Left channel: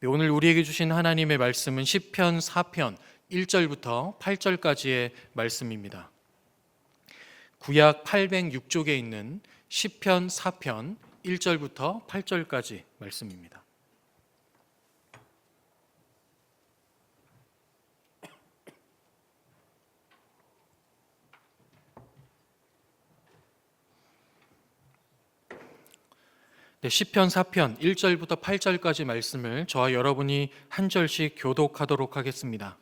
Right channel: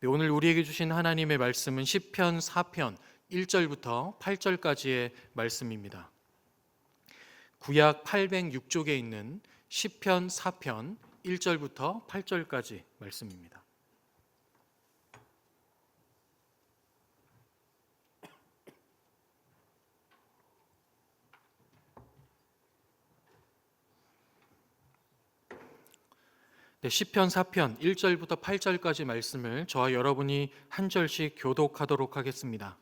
네, 오늘 우리에게 주신 하나님의 말씀은 시편 4편 1절부터 8절까지의 말씀입니다. 구약 806쪽에 있는 시편 4편 1절부터 8절까지 말씀입니다. 네, 시편 4편 1절부터 8절까지 말씀을 저와 여러분이 한 절씩 교독하도록 하겠습니다.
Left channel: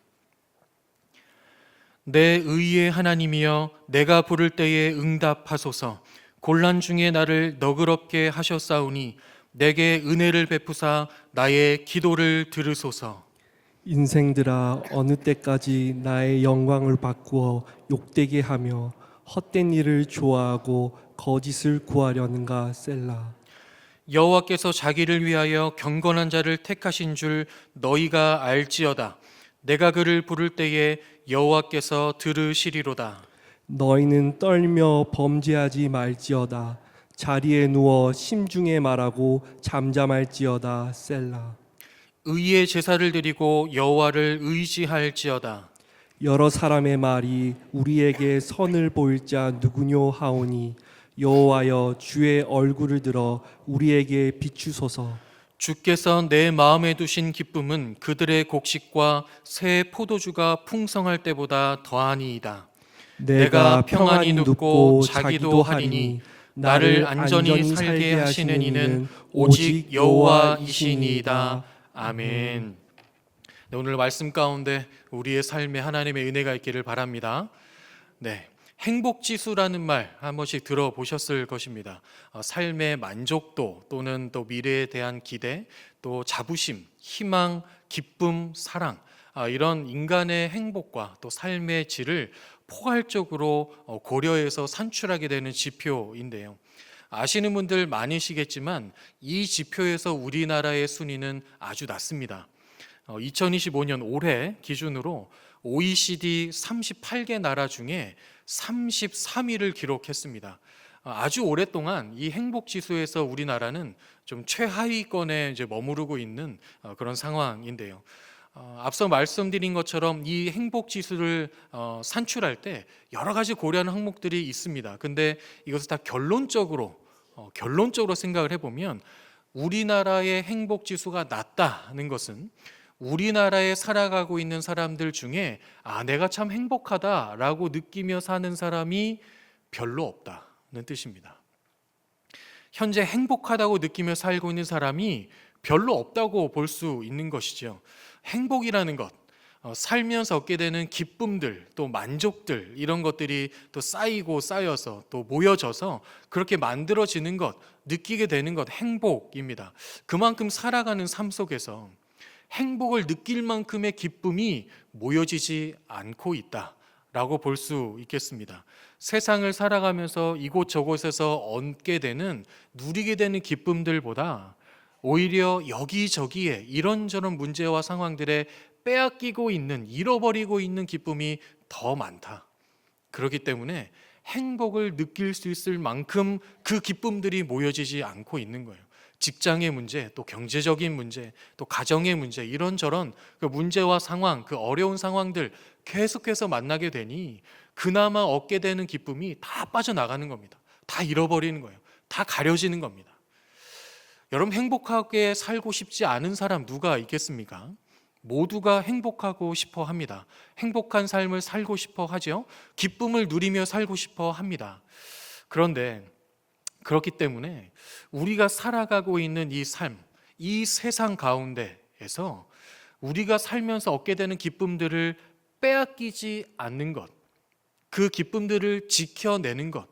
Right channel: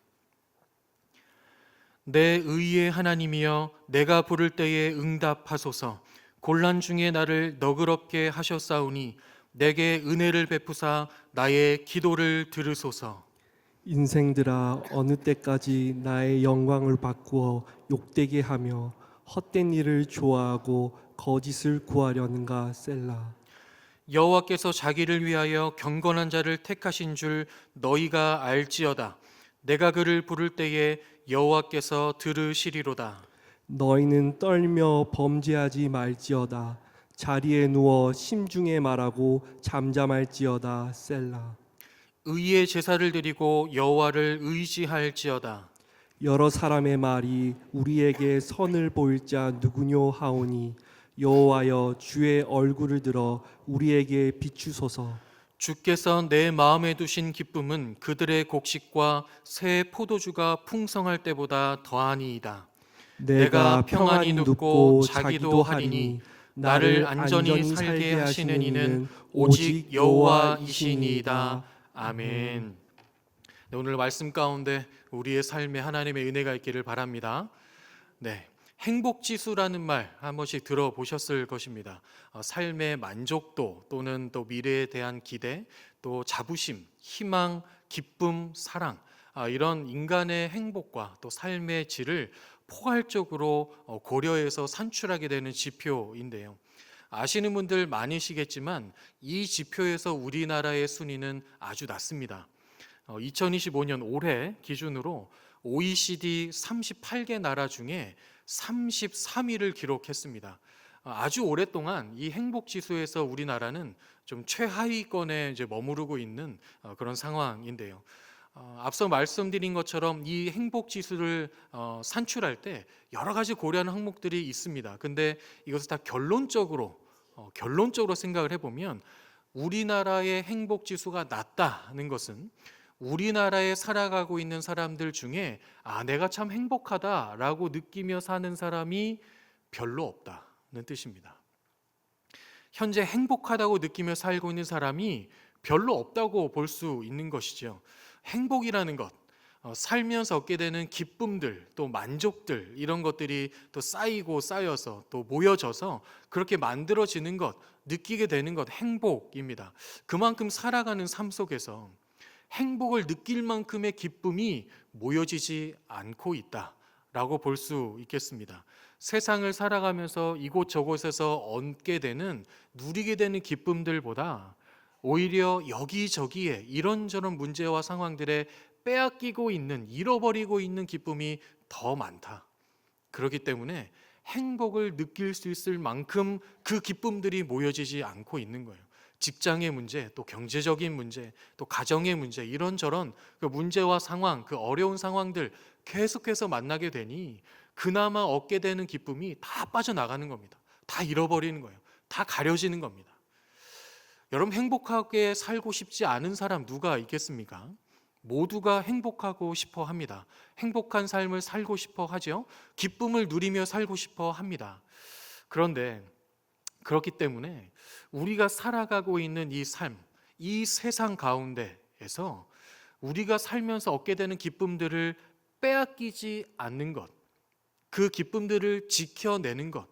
내 의의 하나님이여, 내가 부를 때에 응답하소서. 곤란 중에 나를 너그럽게 하셨사오니 내게 은혜를 베푸사 나의 기도를 들으소서. 인생들아, 어느 때까지 나의 영광을 바꾸어 욕되게 하며 헛된 일을 좋아하고 거짓을 구하려는가. 셀라. 여호와께서 자기를 위하여 경건한 자를 택하신 줄 너희가 알지어다. 내가 그를 부를 때에 여호와께서 들으시리로다. 너희는 떨며 범죄하지 말지어다. 자리에 누워 심중에 말하고 잠잠할지어다. 셀라. 의의 제사를 드리고 여호와를 의지할지어다. 여러 사람의 말이 우리에게 선을 보일 자 누구뇨 하오니 여호와여, 주의 얼굴을 들어 우리에게 비추소서. 주께서 내 마음에 두신 기쁨은 그들의 곡식과 새 포도주가 풍성할 때보다 더하니이다. 내가 평안히 눕고 자기도 하리니 나를 안전히 살게 하시는 이는 오직 여호와이시니이다. 아멘. 네, 오늘 말씀 가운데 우리의 삶에 하나님의 은혜가 있기를 바랍니다. 네, 행복지수라는 말 한 번씩 들어보셨을 것입니다. 삶의 만족도 또는 또 미래에 대한 기대, 또 자부심, 희망, 기쁨, 사랑, 이런 인간의 행복과 또 삶의 질을 포괄적으로 고려해서 산출하게 되는 지표인데요. 아시는 분들 많으시겠지만 이 지표에서 우리나라의 순위는 아주 낮습니다. 2025년 올해 기준으로 OECD 38개 나라 중에 33위를 기록했습니다. 아주 오랫동안 이 행복 지수에서 우리나라는 좀 최하위권에 이제 머무르고 있는 그런 상황인데요. 앞서 말씀드린 것처럼 이 행복 지수를 산출할 때 여러 가지 고려하는 항목들이 있습니다. 근데 이것을 다 결론적으로 생각을 해보면 우리나라의 행복 지수가 낮다는 것은 우리나라에 살아가고 있는 사람들 중에 내가 참 행복하다라고 느끼며 사는 사람이 별로 없다는 뜻입니다. 현재 행복하다고 느끼며 살고 있는 사람이 별로 없다고 볼 수 있는 것이죠. 행복이라는 것, 살면서 얻게 되는 기쁨들, 또 만족들, 이런 것들이 또 쌓이고 쌓여서 또 모여져서 그렇게 만들어지는 것, 느끼게 되는 것, 행복입니다. 그만큼 살아가는 삶 속에서 행복을 느낄 만큼의 기쁨이 모여지지 않고 있다라고 볼 수 있겠습니다. 세상을 살아가면서 이곳저곳에서 얻게 되는, 누리게 되는 기쁨들보다 오히려 여기저기에 이런저런 문제와 상황들에 빼앗기고 있는, 잃어버리고 있는 기쁨이 더 많다. 그렇기 때문에 행복을 느낄 수 있을 만큼 그 기쁨들이 모여지지 않고 있는 거예요. 직장의 문제, 또 경제적인 문제, 또 가정의 문제, 이런저런 그 문제와 상황, 그 어려운 상황들 계속해서 만나게 되니 그나마 얻게 되는 기쁨이 다 빠져나가는 겁니다. 다 잃어버리는 거예요. 다 가려지는 겁니다. 여러분, 행복하게 살고 싶지 않은 사람 누가 있겠습니까? 모두가 행복하고 싶어 합니다. 행복한 삶을 살고 싶어 하죠. 기쁨을 누리며 살고 싶어 합니다. 그런데 그렇기 때문에 우리가 살아가고 있는 이 삶, 이 세상 가운데에서 우리가 살면서 얻게 되는 기쁨들을 빼앗기지 않는 것, 그 기쁨들을 지켜내는 것,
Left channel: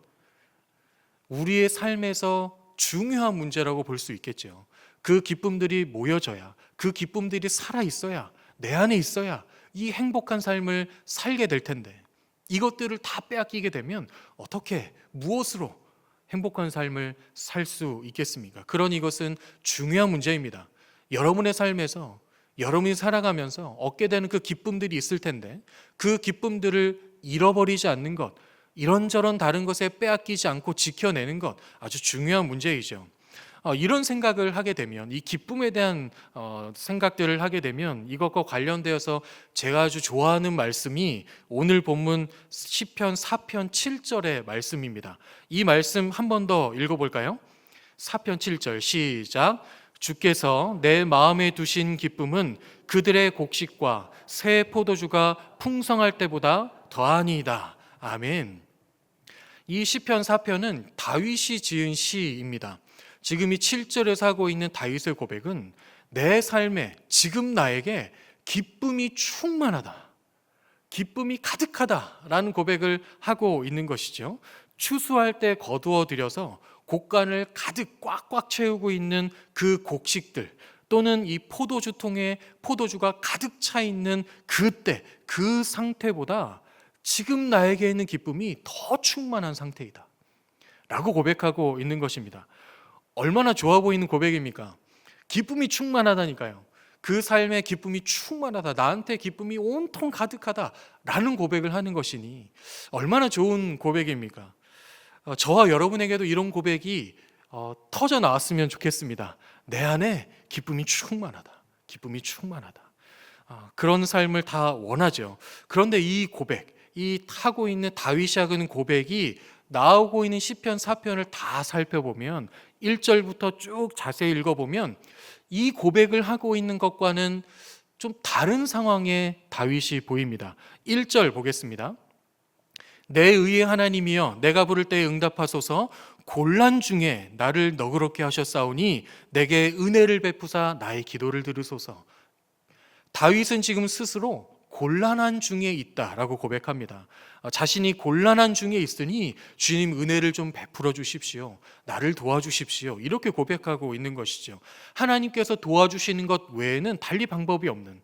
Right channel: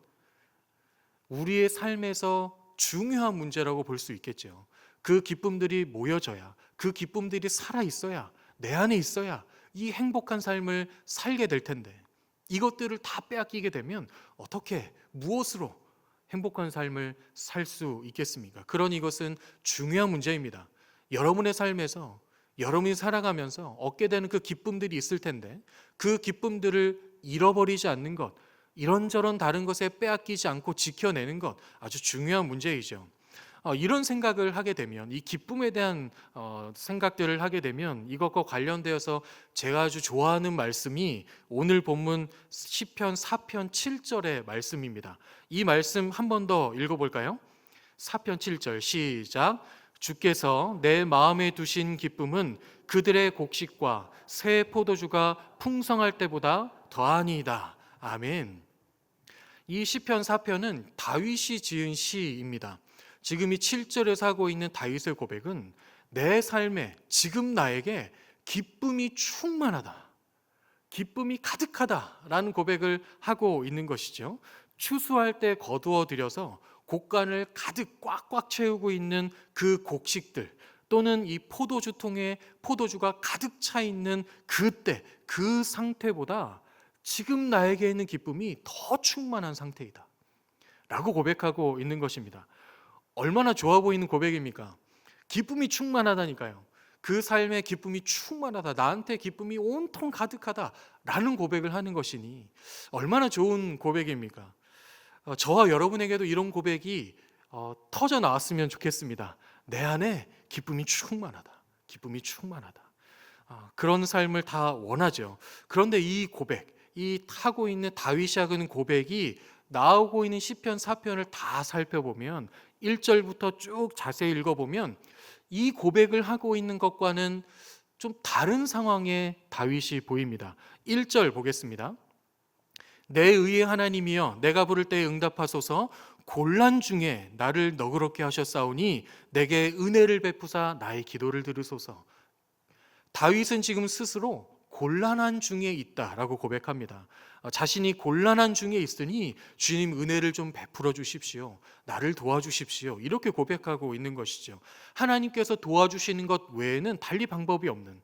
우리의 삶에서 중요한 문제라고 볼 수 있겠죠. 그 기쁨들이 모여져야, 그 기쁨들이 살아있어야, 내 안에 있어야 이 행복한 삶을 살게 될 텐데, 이것들을 다 빼앗기게 되면 어떻게, 무엇으로 행복한 삶을 살 수 있겠습니까? 그러니 이것은 중요한 문제입니다. 여러분의 삶에서 여러분이 살아가면서 얻게 되는 그 기쁨들이 있을 텐데 그 기쁨들을 잃어버리지 않는 것, 이런저런 다른 것에 빼앗기지 않고 지켜내는 것, 아주 중요한 문제이죠. 이런 생각을 하게 되면, 이 기쁨에 대한 생각들을 하게 되면 이것과 관련되어서 제가 아주 좋아하는 말씀이 오늘 본문 시편 4편 7절의 말씀입니다. 이 말씀 한 번 더 읽어볼까요? 4편 7절 시작. 주께서 내 마음에 두신 기쁨은 그들의 곡식과 새 포도주가 풍성할 때보다 더하니이다. 아멘. 이 시편 4편은 다윗이 지은 시입니다. 지금 이 7절에서 하고 있는 다윗의 고백은 내 삶에 지금 나에게 기쁨이 충만하다, 기쁨이 가득하다라는 고백을 하고 있는 것이죠. 추수할 때 거두어 들여서 곡간을 가득 꽉꽉 채우고 있는 그 곡식들, 또는 이 포도주통에 포도주가 가득 차 있는 그때 그 상태보다 지금 나에게 있는 기쁨이 더 충만한 상태이다 라고 고백하고 있는 것입니다. 얼마나 좋아 보이는 고백입니까? 기쁨이 충만하다니까요. 그 삶에 기쁨이 충만하다, 나한테 기쁨이 온통 가득하다 라는 고백을 하는 것이니 얼마나 좋은 고백입니까? 저와 여러분에게도 이런 고백이 터져 나왔으면 좋겠습니다. 내 안에 기쁨이 충만하다, 기쁨이 충만하다. 그런 삶을 다 원하죠. 그런데 이 고백, 이 하고 있는 다윗이 하는 고백이 나오고 있는 시편 4편을 다 살펴보면 1절부터 쭉 자세히 읽어보면 이 고백을 하고 있는 것과는 좀 다른 상황의 다윗이 보입니다. 1절 보겠습니다. 내 의의 하나님이여 내가 부를 때에 응답하소서. 곤란 중에 나를 너그럽게 하셨사오니 내게 은혜를 베푸사 나의 기도를 들으소서. 다윗은 지금 스스로 곤란한 중에 있다라고 고백합니다. 자신이 곤란한 중에 있으니 주님 은혜를 좀 베풀어 주십시오. 나를 도와주십시오. 이렇게 고백하고 있는 것이죠. 하나님께서 도와주시는 것 외에는 달리 방법이 없는,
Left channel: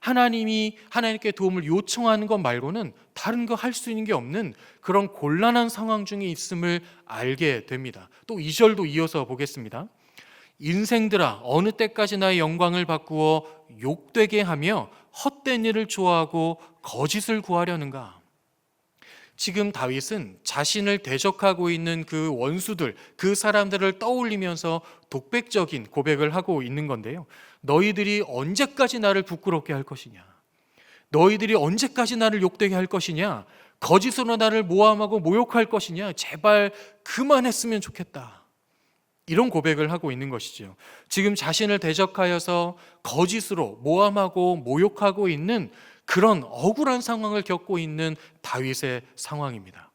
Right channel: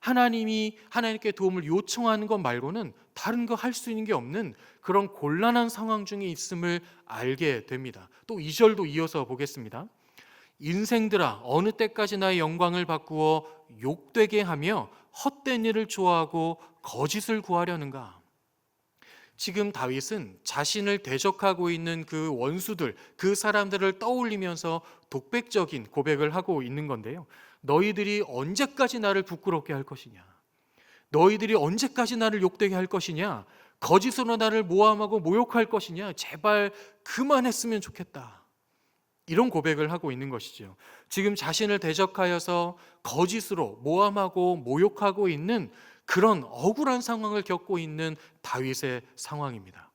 하나님께 도움을 요청하는 것 말고는 다른 거 할 수 있는 게 없는 그런 곤란한 상황 중에 있음을 알게 됩니다. 또 2절도 이어서 보겠습니다. 인생들아 어느 때까지 나의 영광을 바꾸어 욕되게 하며 헛된 일을 좋아하고 거짓을 구하려는가. 지금 다윗은 자신을 대적하고 있는 그 원수들, 그 사람들을 떠올리면서 독백적인 고백을 하고 있는 건데요. 너희들이 언제까지 나를 부끄럽게 할 것이냐, 너희들이 언제까지 나를 욕되게 할 것이냐, 거짓으로 나를 모함하고 모욕할 것이냐, 제발 그만했으면 좋겠다. 이런 고백을 하고 있는 것이죠. 지금 자신을 대적하여서 거짓으로 모함하고 모욕하고 있는 그런 억울한 상황을 겪고 있는 다윗의 상황입니다.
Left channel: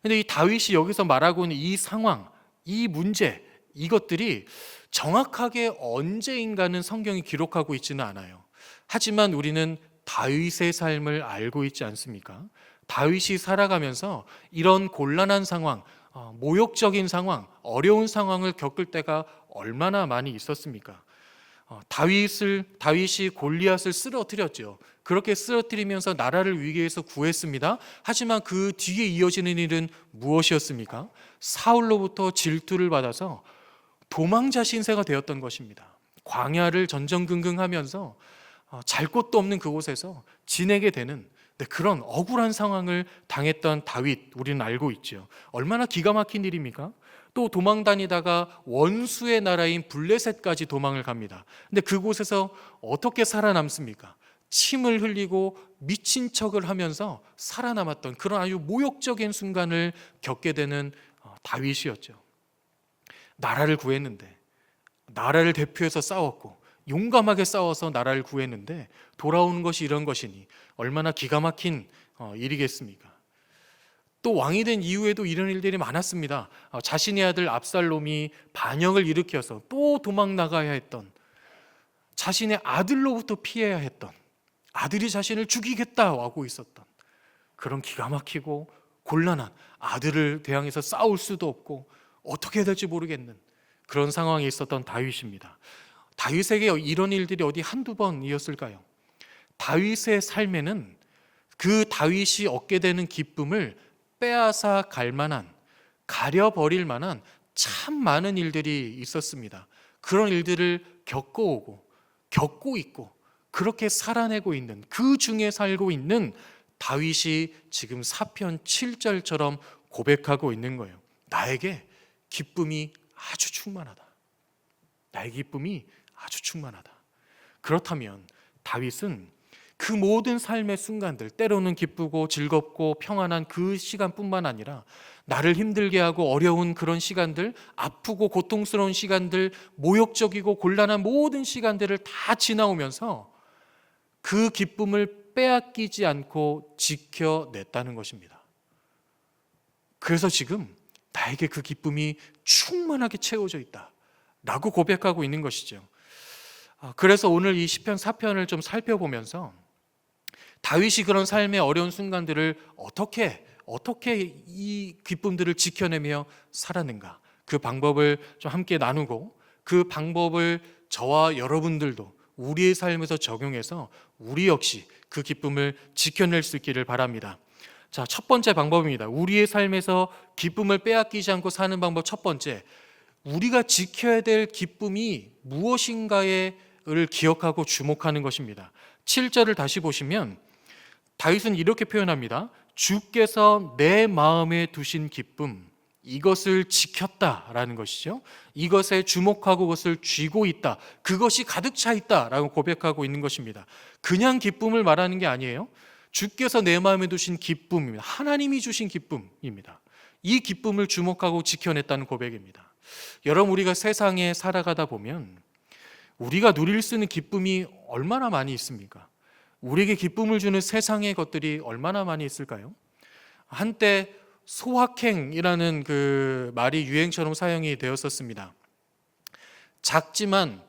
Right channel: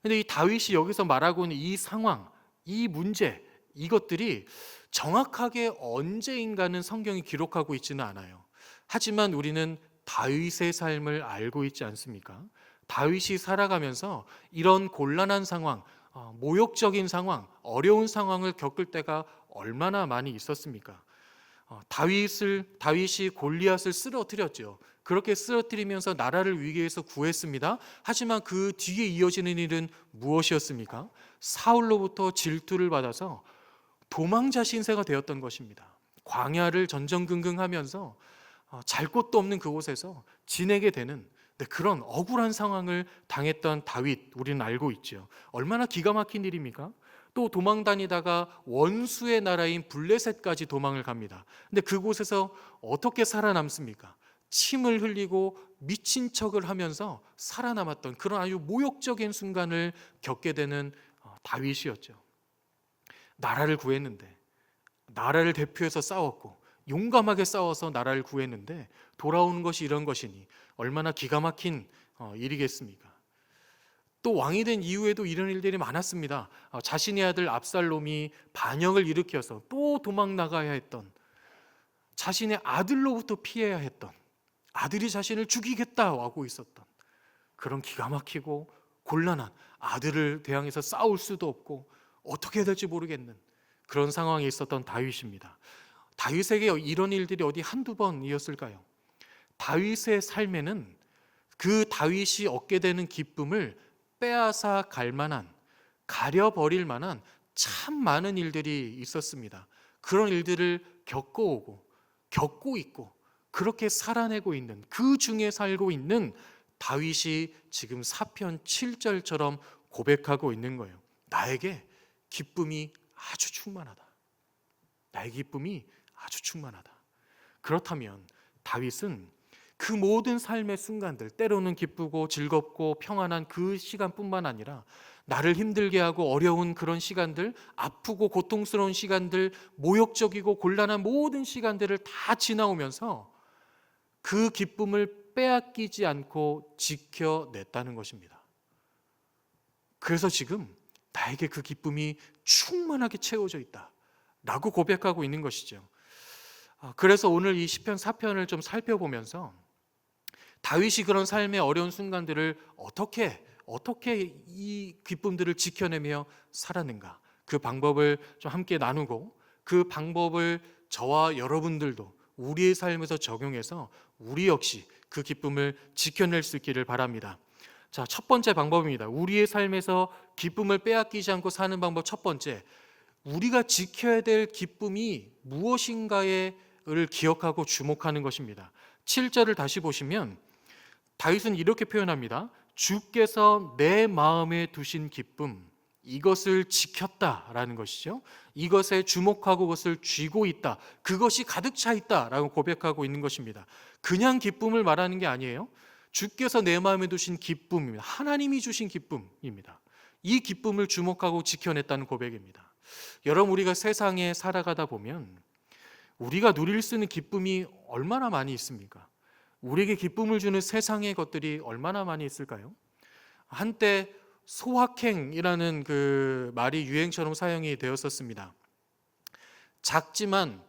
그런데 이 다윗이 여기서 말하고 있는 이 상황, 이 문제, 이것들이 정확하게 언제인가는 성경이 기록하고 있지는 않아요. 하지만 우리는 다윗의 삶을 알고 있지 않습니까? 다윗이 살아가면서 이런 곤란한 상황, 모욕적인 상황, 어려운 상황을 겪을 때가 얼마나 많이 있었습니까? 다윗이 골리앗을 쓰러뜨렸죠. 그렇게 쓰러뜨리면서 나라를 위기에서 구했습니다. 하지만 그 뒤에 이어지는 일은 무엇이었습니까? 사울로부터 질투를 받아서 도망자 신세가 되었던 것입니다. 광야를 전전긍긍하면서 잘 곳도 없는 그곳에서 지내게 되는 그런 억울한 상황을 당했던 다윗, 우리는 알고 있죠. 얼마나 기가 막힌 일입니까? 또 도망 다니다가 원수의 나라인 블레셋까지 도망을 갑니다. 근데 그곳에서 어떻게 살아남습니까? 침을 흘리고 미친 척을 하면서 살아남았던 그런 아주 모욕적인 순간을 겪게 되는 다윗이었죠. 나라를 구했는데, 나라를 대표해서 싸웠고 용감하게 싸워서 나라를 구했는데 돌아오는 것이 이런 것이니 얼마나 기가 막힌 일이겠습니까? 또 왕이 된 이후에도 이런 일들이 많았습니다. 자신의 아들 압살롬이 반역을 일으켜서 또 도망 나가야 했던, 자신의 아들로부터 피해야 했던, 아들이 자신을 죽이겠다고 하고 있었던 그런 기가 막히고 곤란한, 아들을 대항해서 싸울 수도 없고 어떻게 해야 될지 모르겠는 그런 상황에 있었던 다윗입니다. 다윗에게 이런 일들이 어디 한두 번이었을까요? 다윗의 삶에는 그 다윗이 얻게 되는 기쁨을 빼앗아 갈 만한, 가려버릴 만한 참 많은 일들이 있었습니다. 그런 일들을 겪어오고 겪고 있고 그렇게 살아내고 있는, 그 중에 살고 있는 다윗이 지금 시편 7절처럼 고백하고 있는 거예요. 나에게 기쁨이 아주 충만하다. 나의 기쁨이 아주 충만하다. 그렇다면 다윗은 그 모든 삶의 순간들, 때로는 기쁘고 즐겁고 평안한 그 시간뿐만 아니라 나를 힘들게 하고 어려운 그런 시간들, 아프고 고통스러운 시간들, 모욕적이고 곤란한 모든 시간들을 다 지나오면서 그 기쁨을 빼앗기지 않고 지켜냈다는 것입니다. 그래서 지금 나에게 그 기쁨이 충만하게 채워져 있다 라고 고백하고 있는 것이죠. 그래서 오늘 이 시편 4편을 좀 살펴보면서 다윗이 그런 삶의 어려운 순간들을 어떻게 이 기쁨들을 지켜내며 살았는가, 그 방법을 좀 함께 나누고 그 방법을 저와 여러분들도 우리의 삶에서 적용해서 우리 역시 그 기쁨을 지켜낼 수 있기를 바랍니다. 자, 첫 번째 방법입니다. 우리의 삶에서 기쁨을 빼앗기지 않고 사는 방법 첫 번째, 우리가 지켜야 될 기쁨이 무엇인가를 기억하고 주목하는 것입니다. 7절을 다시 보시면 다윗은 이렇게 표현합니다. 주께서 내 마음에 두신 기쁨, 이것을 지켰다라는 것이죠. 이것에 주목하고 그것을 쥐고 있다, 그것이 가득 차 있다라고 고백하고 있는 것입니다. 그냥 기쁨을 말하는 게 아니에요. 주께서 내 마음에 두신 기쁨입니다. 하나님이 주신 기쁨입니다. 이 기쁨을 주목하고 지켜냈다는 고백입니다. 여러분, 우리가 세상에 살아가다 보면 우리가 누릴 수 있는 기쁨이 얼마나 많이 있습니까? 우리에게 기쁨을 주는 세상의 것들이 얼마나 많이 있을까요? 한때 소확행이라는 그 말이 유행처럼 사용이 되었었습니다. 작지만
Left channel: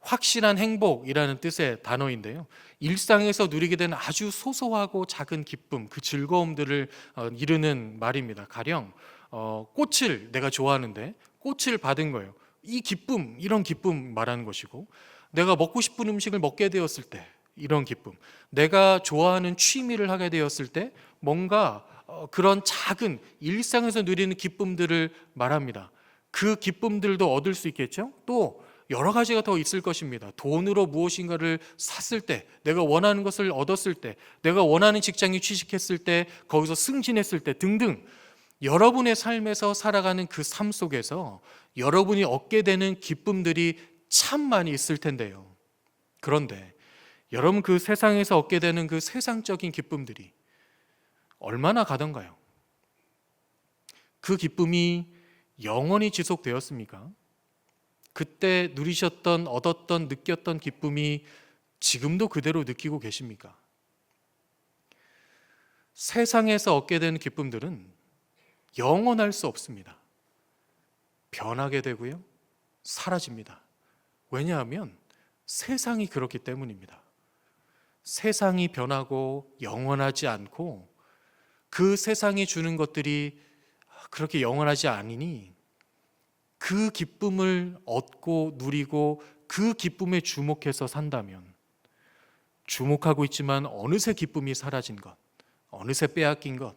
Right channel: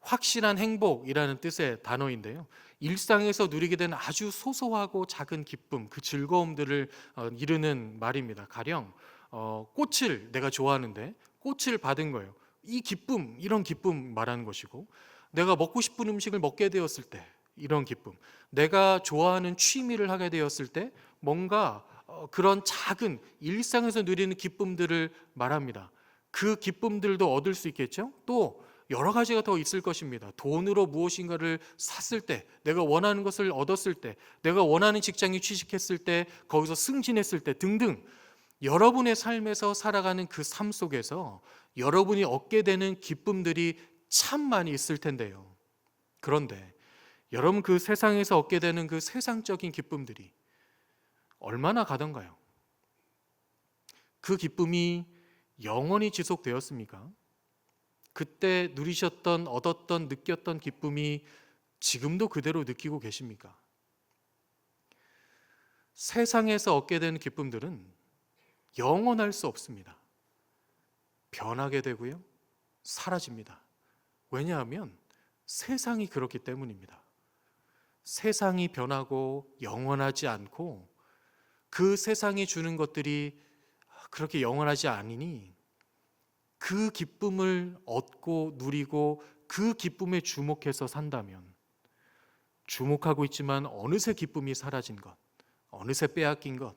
확실한 행복이라는 뜻의 단어인데요, 일상에서 누리게 되는 아주 소소하고 작은 기쁨, 그 즐거움들을 이르는 말입니다. 가령 꽃을 내가 좋아하는데 꽃을 받은 거예요. 이 기쁨, 이런 기쁨 말하는 것이고, 내가 먹고 싶은 음식을 먹게 되었을 때 이런 기쁨, 내가 좋아하는 취미를 하게 되었을 때 뭔가 그런 작은 일상에서 누리는 기쁨들을 말합니다. 그 기쁨들도 얻을 수 있겠죠. 또 여러 가지가 더 있을 것입니다. 돈으로 무엇인가를 샀을 때, 내가 원하는 것을 얻었을 때, 내가 원하는 직장에 취직했을 때, 거기서 승진했을 때 등등, 여러분의 삶에서 살아가는 그 삶 속에서 여러분이 얻게 되는 기쁨들이 참 많이 있을 텐데요. 그런데 여러분, 그 세상에서 얻게 되는 그 세상적인 기쁨들이 얼마나 가던가요? 그 기쁨이 영원히 지속되었습니까? 그때 누리셨던, 얻었던, 느꼈던 기쁨이 지금도 그대로 느끼고 계십니까? 세상에서 얻게 되는 기쁨들은 영원할 수 없습니다. 변하게 되고요, 사라집니다. 왜냐하면 세상이 그렇기 때문입니다. 세상이 변하고 영원하지 않고 그 세상이 주는 것들이 그렇게 영원하지 않으니 그 기쁨을 얻고 누리고 그 기쁨에 주목해서 산다면, 주목하고 있지만 어느새 기쁨이 사라진 것, 어느새 빼앗긴 것,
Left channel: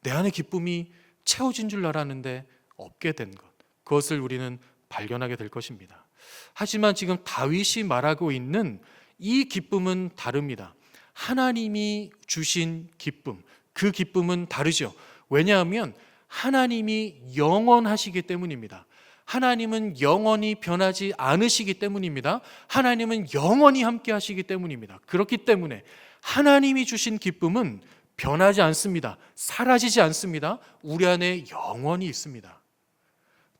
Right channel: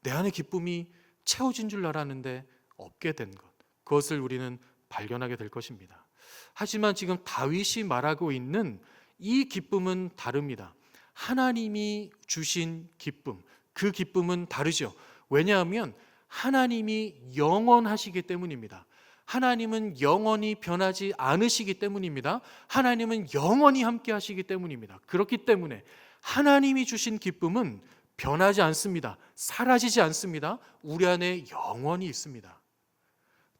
내 안에 기쁨이 채워진 줄 알았는데 없게 된 것, 그것을 우리는 발견하게 될 것입니다. 하지만 지금 다윗이 말하고 있는 이 기쁨은 다릅니다. 하나님이 주신 기쁨, 그 기쁨은 다르죠. 왜냐하면 하나님이 영원하시기 때문입니다. 하나님은 영원히 변하지 않으시기 때문입니다. 하나님은 영원히 함께 하시기 때문입니다. 그렇기 때문에 하나님이 주신 기쁨은 변하지 않습니다. 사라지지 않습니다. 우리 안에 영원히 있습니다.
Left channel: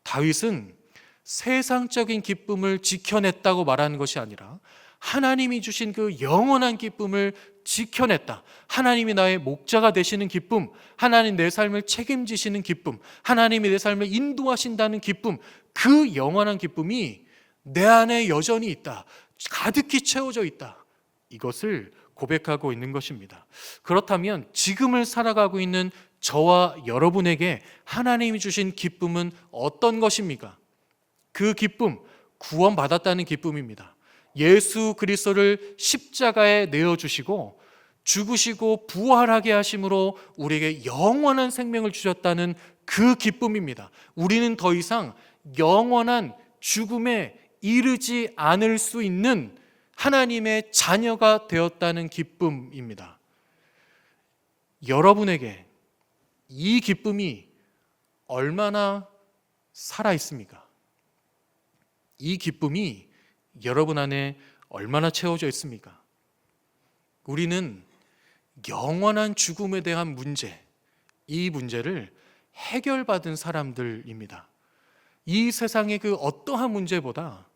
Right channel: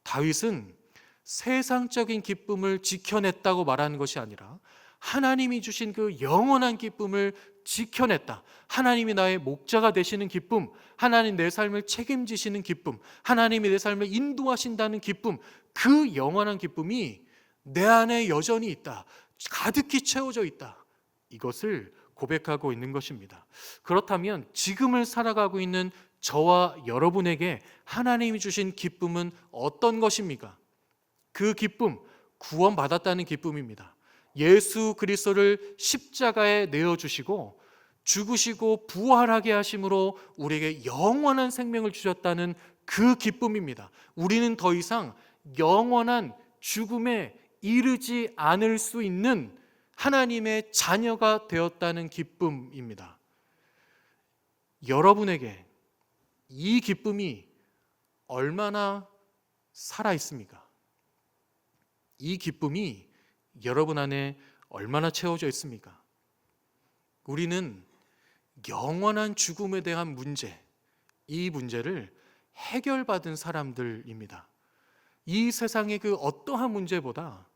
다윗은 세상적인 기쁨을 지켜냈다고 말하는 것이 아니라 하나님이 주신 그 영원한 기쁨을 지켜냈다. 하나님이 나의 목자가 되시는 기쁨, 하나님 내 삶을 책임지시는 기쁨, 하나님이 내 삶을 인도하신다는 기쁨, 그 영원한 기쁨이 내 안에 여전히 있다. 가득히 채워져 있다. 이것을 고백하고 있는 것입니다. 그렇다면 지금을 살아가고 있는 저와 여러분에게 하나님이 주신 기쁨은 어떤 것입니까? 그 기쁨, 구원받았다는 기쁨입니다. 예수 그리스도를 십자가에 내어주시고 죽으시고 부활하게 하심으로 우리에게 영원한 생명을 주셨다는 그 기쁨입니다. 우리는 더 이상 영원한 죽음에 이르지 않을 수 있는 하나님의 자녀가 되었다는 기쁨입니다. 여러분에게 이 기쁨이 얼마나 살아 있습니까? 이 기쁨이 여러분 안에 얼마나 채워져 있습니까? 우리는 영원한 죽음에 대한 문제, 이 문제를 해결받은 사람들입니다. 이 세상의 그 어떠한 문제보다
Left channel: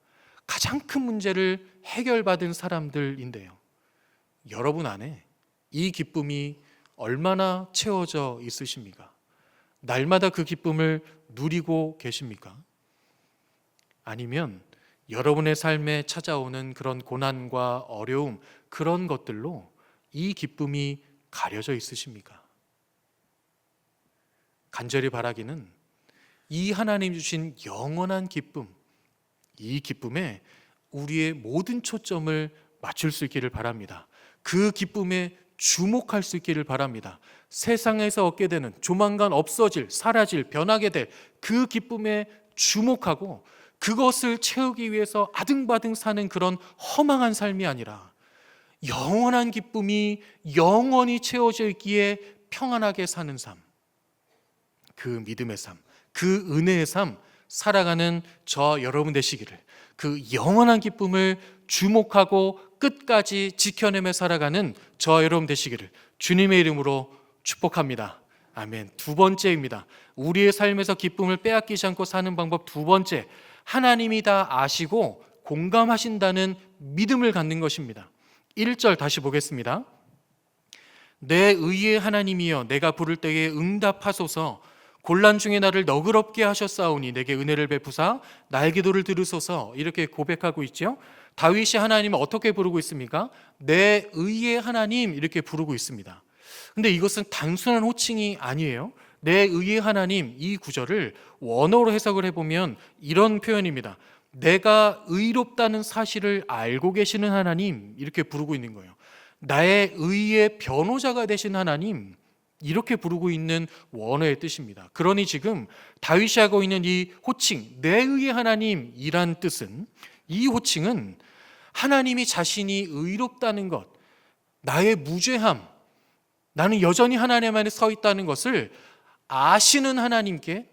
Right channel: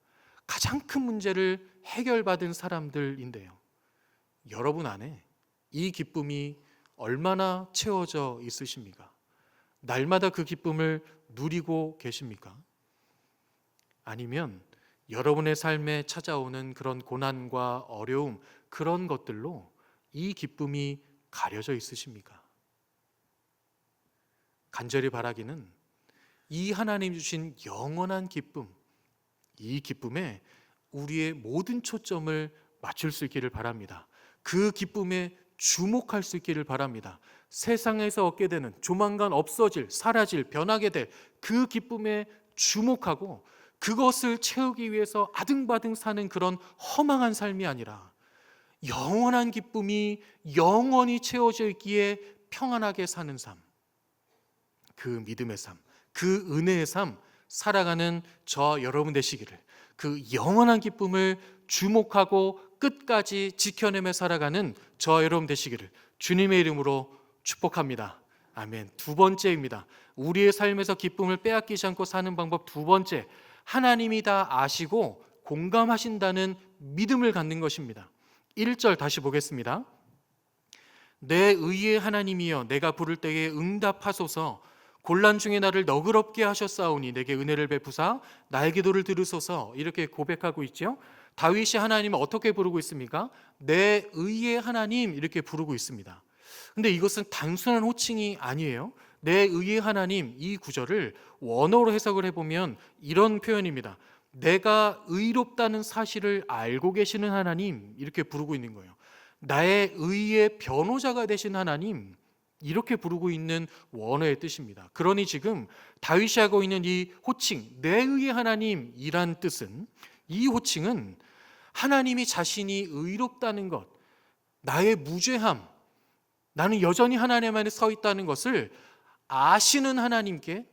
가장 큰 문제를 해결받은 사람들인데요. 여러분 안에 이 기쁨이 얼마나 채워져 있으십니까? 날마다 그 기쁨을 누리고 계십니까? 아니면 여러분의 삶에 찾아오는 그런 고난과 어려움, 그런 것들로 이 기쁨이 가려져 있으십니까? 간절히 바라기는 이 하나님 주신 영원한 기쁨, 이 기쁨에 우리의 모든 초점을 맞출 수 있기를 바랍니다. 그 기쁨에 주목할 수 있기를 바랍니다. 세상에서 얻게 되는, 조만간 없어질, 사라질, 변하게 될 그 기쁨에 주목하고 그것을 채우기 위해서 아등바등 사는 그런 허망한 삶이 아니라 영원한 기쁨이 영원히 채워져 있기에 평안하게 사는 삶, 그 믿음의 삶, 그 은혜의 삶 살아가는 저 여러분 되시기를, 그 영원한 기쁨을 주목하고 끝까지 지켜내며 살아가는 저 여러분 되시기를 주님의 이름으로 축복합니다. 아멘. 두 번째입니다. 우리의 삶에서 기쁨을 빼앗기지 않고 사는 방법 두 번째, 하나님이 다 아시고 공감하신다는 믿음을 갖는 것입니다. 1절 다시 보겠습니다. 내 의의 하나님이여 내가 부를 때에 응답하소서. 곤란 중에 나를 너그럽게 하셨사오니 내게 은혜를 베푸사 나의 기도를 들으소서. 이렇게 고백하고 있죠. 다윗이 하나님을 어떻게 부르고 있습니까? 내 의의 하나님 이렇게 부르고 있습니다. 근데 이것은 단순한 호칭이 아니에요. 내 의의 하나님, 이 구절을 원어로 해석을 해보면 이런 표현입니다. 내가 의롭다는 사실을 알고 계시는 하나님, 이렇게 부르고 있는 거예요. 나의 의의 변호자가 되신 하나님, 이렇게 부르고 있는 원어의 뜻입니다. 그러니 지금 다윗이 하고 있는 이 호칭, 내 의의 하나님이란 뜻은, 이 호칭은 하나님이 자신이 의롭다는 것, 나의 무죄함, 나는 여전히 하나님 안에 서 있다는 것을 아시는 하나님께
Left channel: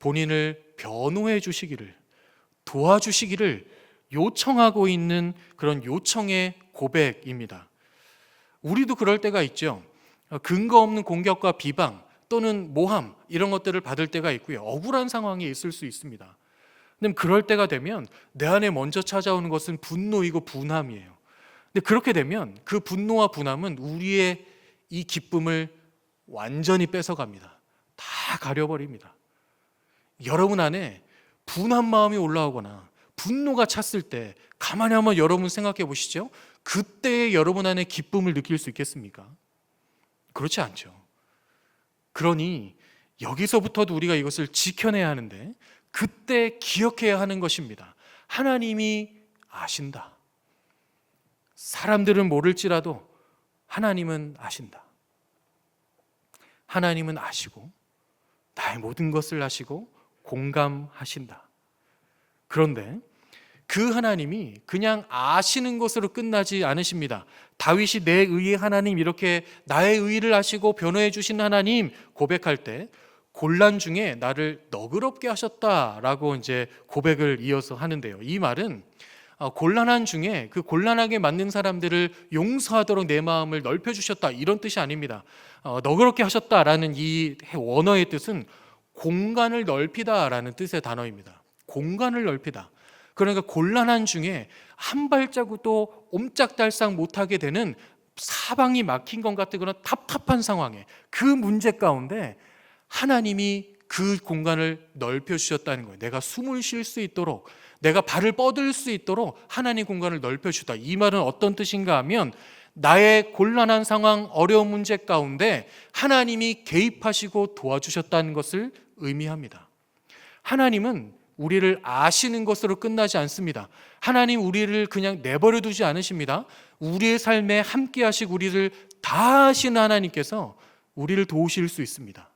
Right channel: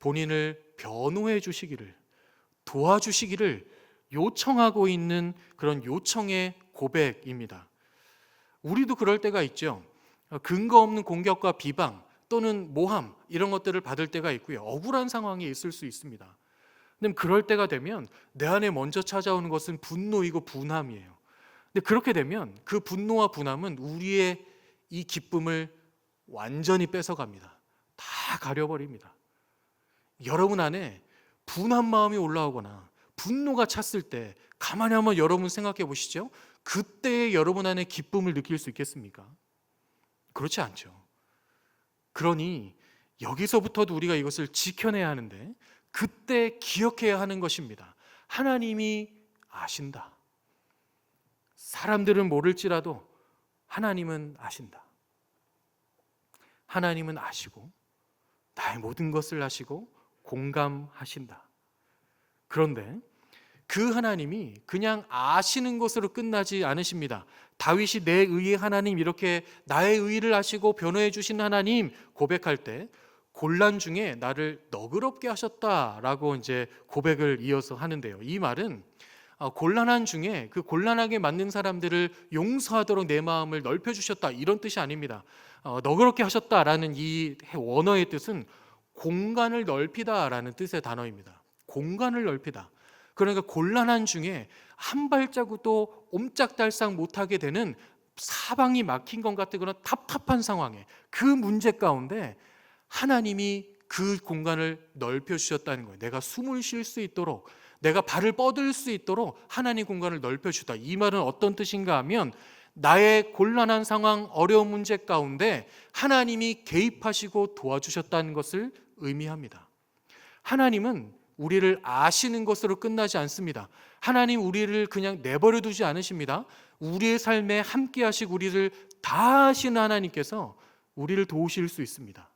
본인을 변호해 주시기를, 도와주시기를 요청하고 있는 그런 요청의 고백입니다. 우리도 그럴 때가 있죠. 근거 없는 공격과 비방 또는 모함, 이런 것들을 받을 때가 있고요. 억울한 상황이 있을 수 있습니다. 근데 그럴 때가 되면 내 안에 먼저 찾아오는 것은 분노이고 분함이에요. 근데 그렇게 되면 그 분노와 분함은 우리의 이 기쁨을 완전히 뺏어갑니다. 다 가려버립니다. 여러분 안에 분한 마음이 올라오거나 분노가 찼을 때 가만히 한번 여러분 생각해 보시죠. 그때 여러분 안에 기쁨을 느낄 수 있겠습니까? 그렇지 않죠. 그러니 여기서부터도 우리가 이것을 지켜내야 하는데, 그때 기억해야 하는 것입니다. 하나님이 아신다. 사람들은 모를지라도 하나님은 아신다. 하나님은 아시고 나의 모든 것을 아시고 공감하신다. 그런데 그 하나님이 그냥 아시는 것으로 끝나지 않으십니다. 다윗이 내 의의 하나님, 이렇게 나의 의를 아시고 변호해 주신 하나님 고백할 때 곤란 중에 나를 너그럽게 하셨다라고 이제 고백을 이어서 하는데요. 이 말은 곤란한 중에 그 곤란하게 만든 사람들을 용서하도록 내 마음을 넓혀주셨다, 이런 뜻이 아닙니다. 너그럽게 하셨다라는 이 원어의 뜻은 공간을 넓히다라는 뜻의 단어입니다. 공간을 넓히다. 그러니까 곤란한 중에 한 발자국도 옴짝달싹 못하게 되는, 사방이 막힌 것 같은 그런 답답한 상황에, 그 문제 가운데 하나님이 그 공간을 넓혀주셨다는 거예요. 내가 숨을 쉴 수 있도록, 내가 발을 뻗을 수 있도록 하나님 공간을 넓혀주다. 이 말은 어떤 뜻인가 하면, 나의 곤란한 상황, 어려운 문제 가운데 하나님이 개입하시고 도와주셨다는 것을 의미합니다. 하나님은 우리를 아시는 것으로 끝나지 않습니다. 하나님 우리를 그냥 내버려 두지 않으십니다. 우리의 삶에 함께 하시고 우리를 다 아시는 하나님께서 우리를 도우실 수 있습니다.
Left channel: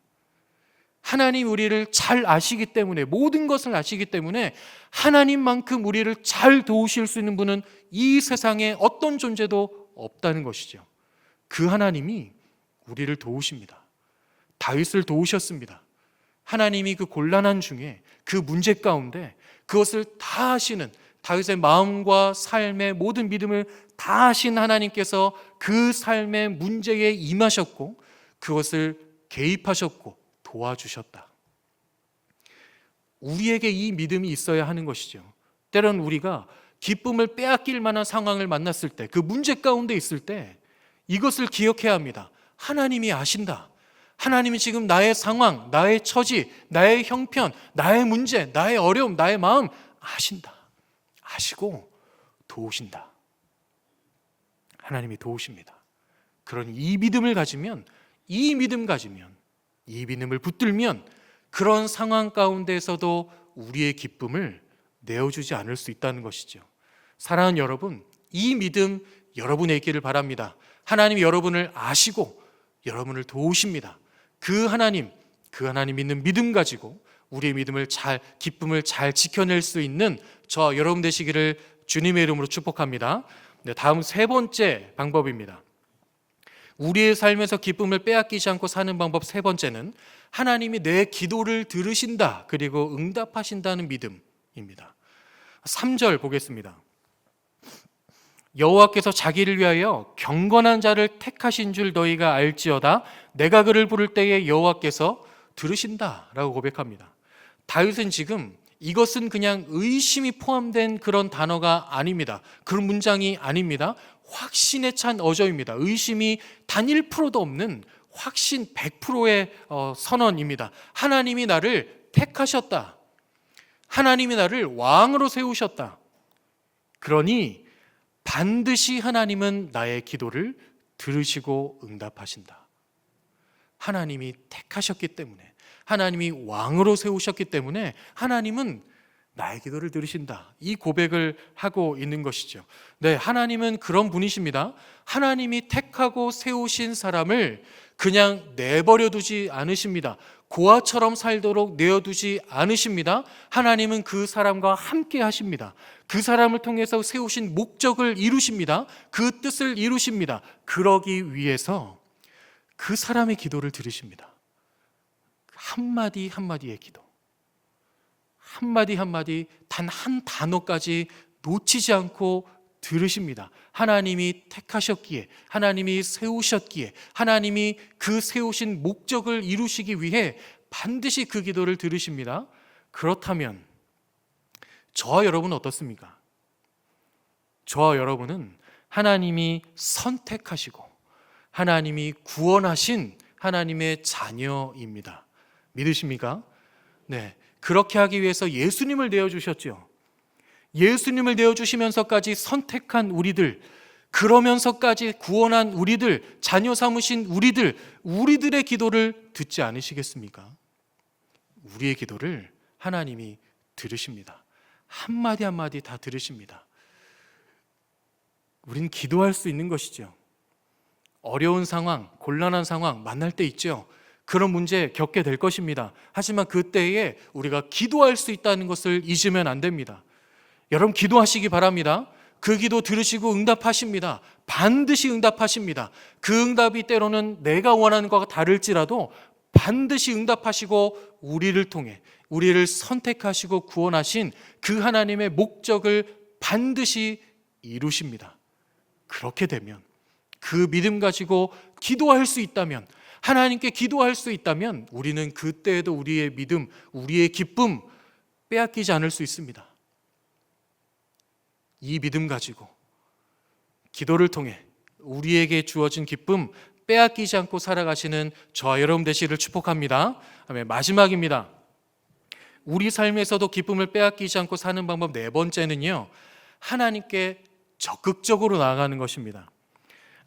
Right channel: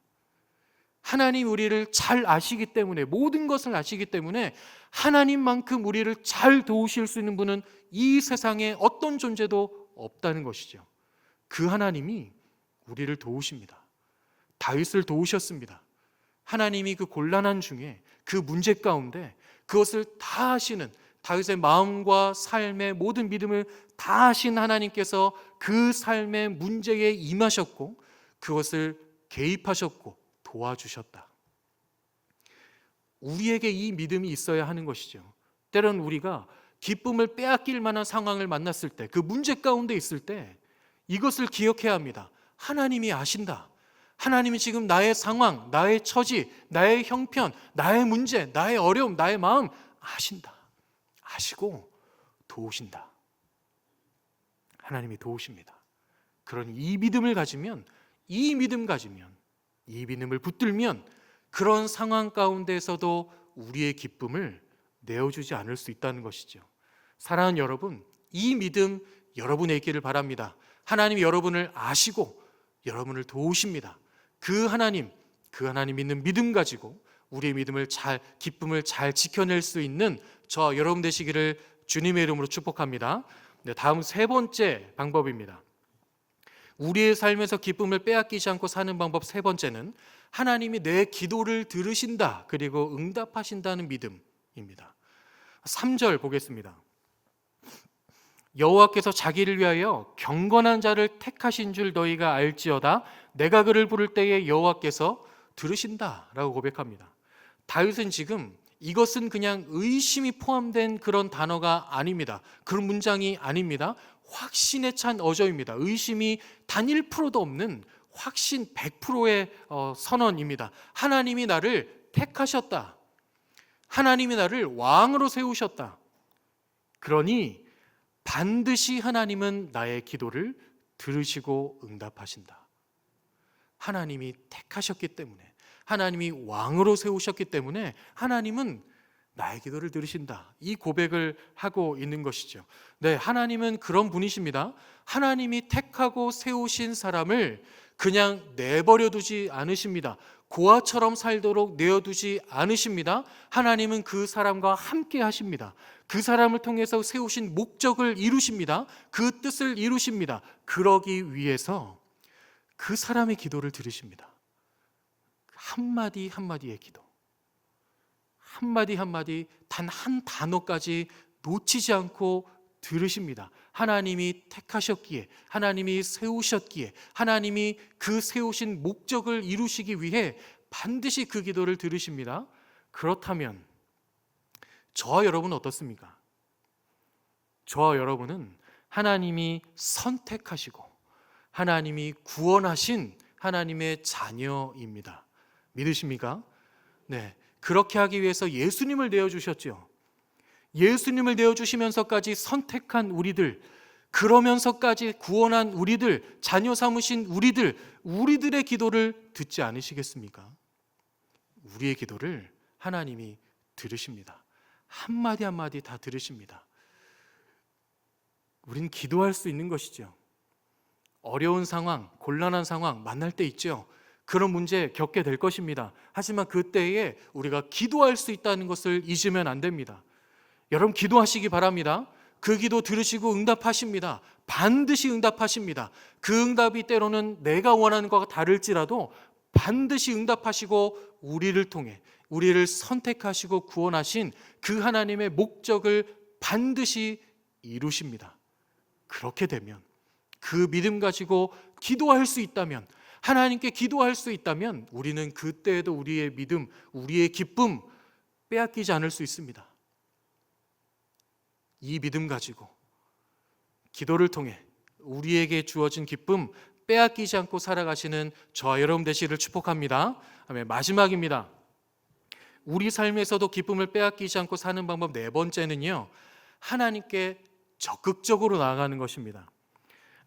하나님 우리를 잘 아시기 때문에, 모든 것을 아시기 때문에 하나님만큼 우리를 잘 도우실 수 있는 분은 이 세상에 어떤 존재도 없다는 것이죠. 그 하나님이 우리를 도우십니다. 다윗을 도우셨습니다. 하나님이 그 곤란한 중에, 그 문제 가운데 그것을 다 하시는 다윗의 마음과 삶의 모든 믿음을 다 하신 하나님께서 그 삶의 문제에 임하셨고 그것을 개입하셨고 도와주셨다. 우리에게 이 믿음이 있어야 하는 것이죠. 때론 우리가 기쁨을 빼앗길 만한 상황을 만났을 때, 그 문제 가운데 있을 때 이것을 기억해야 합니다. 하나님이 아신다. 하나님이 지금 나의 상황, 나의 처지, 나의 형편, 나의 문제, 나의 어려움, 나의 마음 아신다. 아시고 도우신다. 하나님이 도우십니다. 그런 이 믿음을 가지면, 이 믿음을 붙들면 그런 상황 가운데에서도 우리의 기쁨을 내어주지 않을 수 있다는 것이죠. 사랑하는 여러분, 이 믿음 여러분의 있기를 바랍니다. 하나님이 여러분을 아시고 여러분을 도우십니다. 그 하나님 믿는 믿음 가지고 우리의 기쁨을 잘 지켜낼 수 있는 저 여러분 되시기를 주님의 이름으로 축복합니다. 다음 세 번째 방법입니다. 우리의 삶에서 기쁨을 빼앗기지 않고 사는 방법 세 번째는 하나님이 내 기도를 들으신다 그리고 응답하신다는 믿음입니다. 3절 보겠습니다. 여호와께서 자기를 위하여 경건한 자를 택하신 줄 너희가 알지어다. 내가 그를 부를 때에 여호와께서 들으신다라고 고백합니다. 다윗은 지금 이것은 그냥 의심이 포함된 그런 단어가 아닙니다. 그런 문장이 아닙니다. 확신에 찬 어조입니다. 의심이 단 1%도 없는 확신 100%의 선언입니다. 하나님이 나를 택하셨다. 하나님이 나를 왕으로 세우셨다. 그러니 반드시 하나님은 나의 기도를 들으시고 응답하신다. 하나님이 택하셨기 때문에, 하나님이 왕으로 세우셨기 때문에 하나님은 나의 기도를 들으신다. 이 고백을 하고 있는 것이죠. 네, 하나님은 그런 분이십니다. 하나님이 택하고 세우신 사람을 그냥 내버려 두지 않으십니다. 고아처럼 살도록 내어두지 않으십니다. 하나님은 그 사람과 함께 하십니다. 그 사람을 통해서 세우신 목적을 이루십니다. 그 뜻을 이루십니다. 그러기 위해서 그 사람의 기도를 들으십니다. 한마디 한마디의 기도, 한마디 한마디 단 한 단어까지 놓치지 않고 들으십니다. 하나님이 택하셨기에, 하나님이 세우셨기에, 하나님이 그 세우신 목적을 이루시기 위해 반드시 그 기도를 들으십니다. 그렇다면 저와 여러분은 어떻습니까? 저와 여러분은 하나님이 선택하시고 하나님이 구원하신 하나님의 자녀입니다. 믿으십니까? 네, 그렇게 하기 위해서 예수님을 내어주셨죠. 예수님을 내어주시면서까지 선택한 우리들, 그러면서까지 구원한 우리들, 자녀 삼으신 우리들의 기도를 듣지 않으시겠습니까? 우리의 기도를 하나님이 들으십니다. 한마디 한마디 다 들으십니다. 우린 기도할 수 있는 것이죠. 어려운 상황, 곤란한 상황 만날 때 있죠. 그런 문제 겪게 될 것입니다. 하지만 그때에 우리가 기도할 수 있다는 것을 잊으면 안 됩니다. 여러분 기도하시기 바랍니다. 그 기도 들으시고 응답하십니다. 반드시 응답하십니다. 그 응답이 때로는 내가 원하는 것과 다를지라도 반드시 응답하시고 우리를 통해 우리를 선택하시고 구원하신 그 하나님의 목적을 반드시 이루십니다. 그렇게 되면, 그 믿음 가지고 기도할 수 있다면, 하나님께 기도할 수 있다면 우리는 그때에도 우리의 믿음, 우리의 기쁨 빼앗기지 않을 수 있습니다. 이 믿음 가지고 기도를 통해 우리에게 주어진 기쁨 빼앗기지 않고 살아가시는 저와 여러분 되시기를 축복합니다. 마지막입니다. 우리 삶에서도 기쁨을 빼앗기지 않고 사는 방법 네 번째는요, 하나님께 적극적으로 나아가는 것입니다.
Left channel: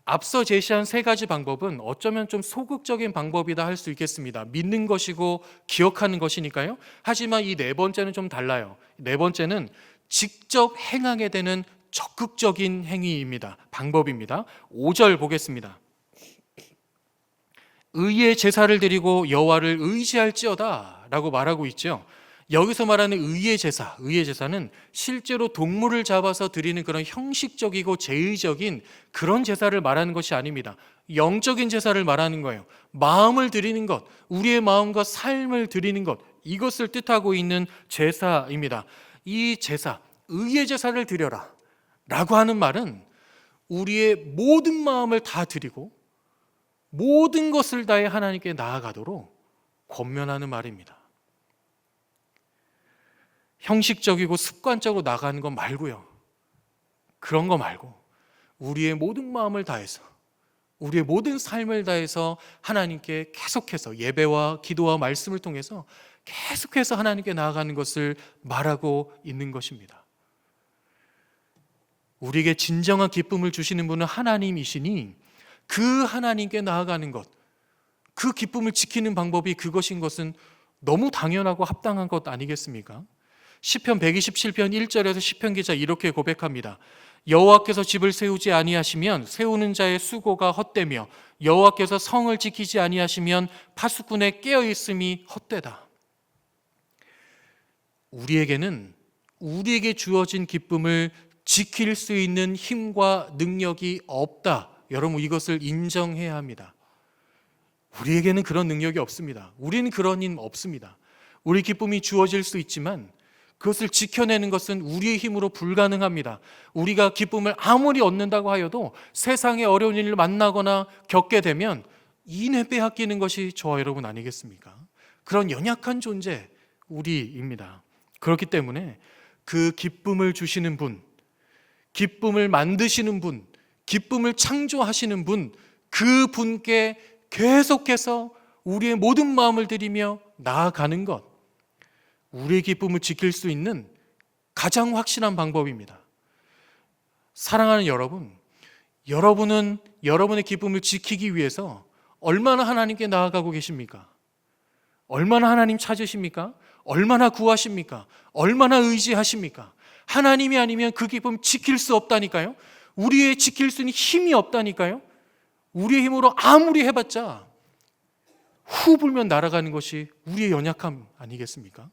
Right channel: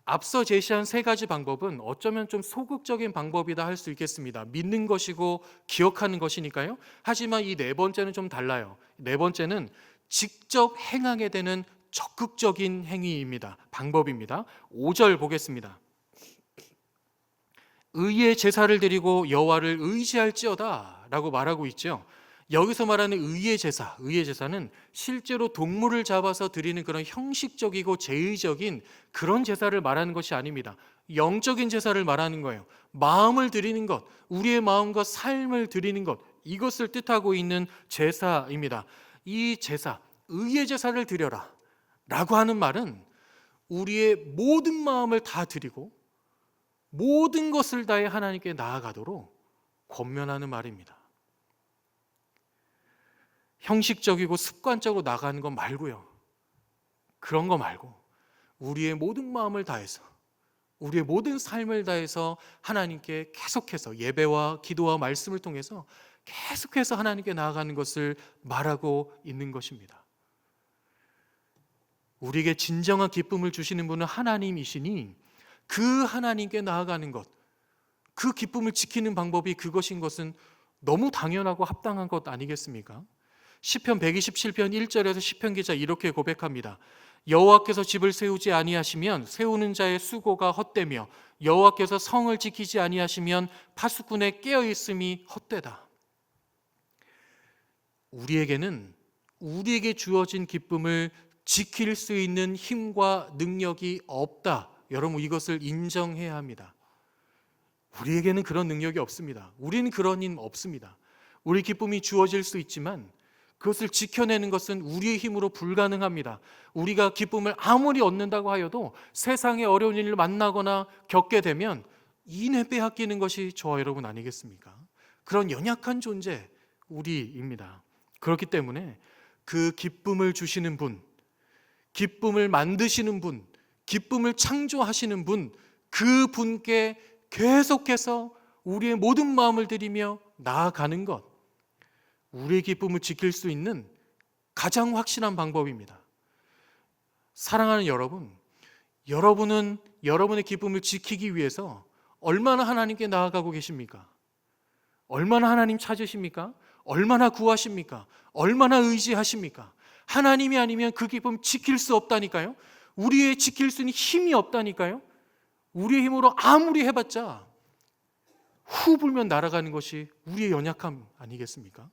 앞서 제시한 세 가지 방법은 어쩌면 좀 소극적인 방법이다 할 수 있겠습니다. 믿는 것이고 기억하는 것이니까요. 하지만 이 네 번째는 좀 달라요. 네 번째는 직접 행하게 되는 적극적인 행위입니다. 방법입니다. 5절 보겠습니다. 의의 제사를 드리고 여호와를 의지할지어다 라고 말하고 있죠. 여기서 말하는 의의 제사는 실제로 동물을 잡아서 드리는 그런 형식적이고 제의적인 그런 제사를 말하는 것이 아닙니다. 영적인 제사를 말하는 거예요. 마음을 드리는 것, 우리의 마음과 삶을 드리는 것, 이것을 뜻하고 있는 제사입니다. 이 제사, 의의 제사를 드려라 라고 하는 말은 우리의 모든 마음을 다 드리고 모든 것을 다해 하나님께 나아가도록 권면하는 말입니다. 형식적이고 습관적으로 나가는 것 말고요. 그런 거 말고 우리의 모든 마음을 다해서, 우리의 모든 삶을 다해서 하나님께 계속해서 예배와 기도와 말씀을 통해서 계속해서 하나님께 나아가는 것을 말하고 있는 것입니다. 우리에게 진정한 기쁨을 주시는 분은 하나님이시니 그 하나님께 나아가는 것, 그 기쁨을 지키는 방법이 그것인 것은 너무 당연하고 합당한 것 아니겠습니까? 시편 127편 1절에서 시편 기자 이렇게 고백합니다. 여호와께서 집을 세우지 아니하시면 세우는 자의 수고가 헛되며 여호와께서 성을 지키지 아니하시면 파수꾼의 깨어있음이 헛되다. 우리에게는 우리에게 주어진 기쁨을 지킬 수 있는 힘과 능력이 없다. 여러분, 이것을 인정해야 합니다. 우리에게는 그런 능력이 없습니다. 우리는 그런 힘 없습니다. 우리 기쁨이 주어질 수 있지만 그것을 지켜내는 것은 우리의 힘으로 불가능합니다. 우리가 기쁨을 아무리 얻는다고 하여도 세상의 어려운 일을 만나거나 겪게 되면 이내 빼앗기는 것이 저와 여러분 아니겠습니까? 그런 연약한 존재 우리입니다. 그렇기 때문에 그 기쁨을 주시는 분, 기쁨을 만드시는 분, 기쁨을 창조하시는 분, 그 분께 계속해서 우리의 모든 마음을 들이며 나아가는 것, 우리의 기쁨을 지킬 수 있는 가장 확실한 방법입니다. 사랑하는 여러분, 여러분은 여러분의 기쁨을 지키기 위해서 얼마나 하나님께 나아가고 계십니까? 얼마나 하나님 찾으십니까? 얼마나 구하십니까? 얼마나 의지하십니까? 하나님이 아니면 그 기쁨 지킬 수 없다니까요. 우리의 지킬 수 있는 힘이 없다니까요. 우리의 힘으로 아무리 해봤자 후 불면 날아가는 것이 우리의 연약함 아니겠습니까?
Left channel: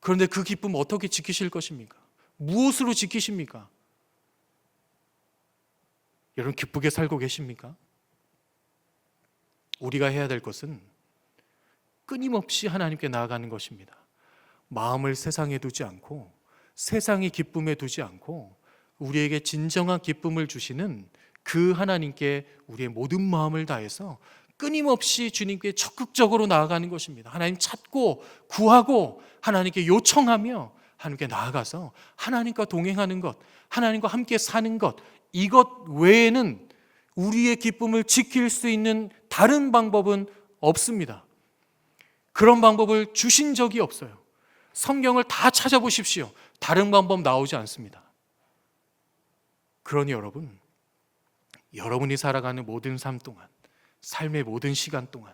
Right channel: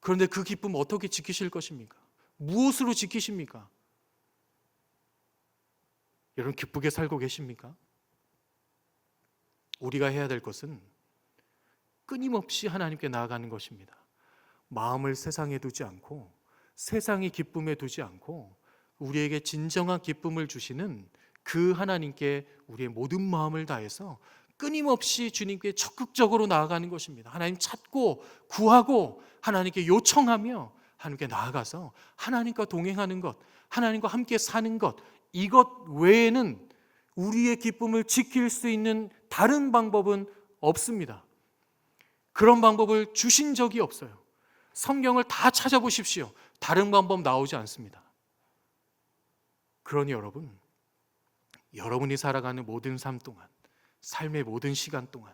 그런데 그 기쁨 어떻게 지키실 것입니까? 무엇으로 지키십니까? 여러분, 기쁘게 살고 계십니까? 우리가 해야 될 것은 끊임없이 하나님께 나아가는 것입니다. 마음을 세상에 두지 않고 세상의 기쁨에 두지 않고 우리에게 진정한 기쁨을 주시는 그 하나님께 우리의 모든 마음을 다해서 끊임없이 주님께 적극적으로 나아가는 것입니다. 하나님 찾고 구하고 하나님께 요청하며 하나님께 나아가서 하나님과 동행하는 것, 하나님과 함께 사는 것, 이것 외에는 우리의 기쁨을 지킬 수 있는 다른 방법은 없습니다. 그런 방법을 주신 적이 없어요. 성경을 다 찾아보십시오. 다른 방법 나오지 않습니다. 그러니 여러분, 여러분이 살아가는 모든 삶 동안, 삶의 모든 시간 동안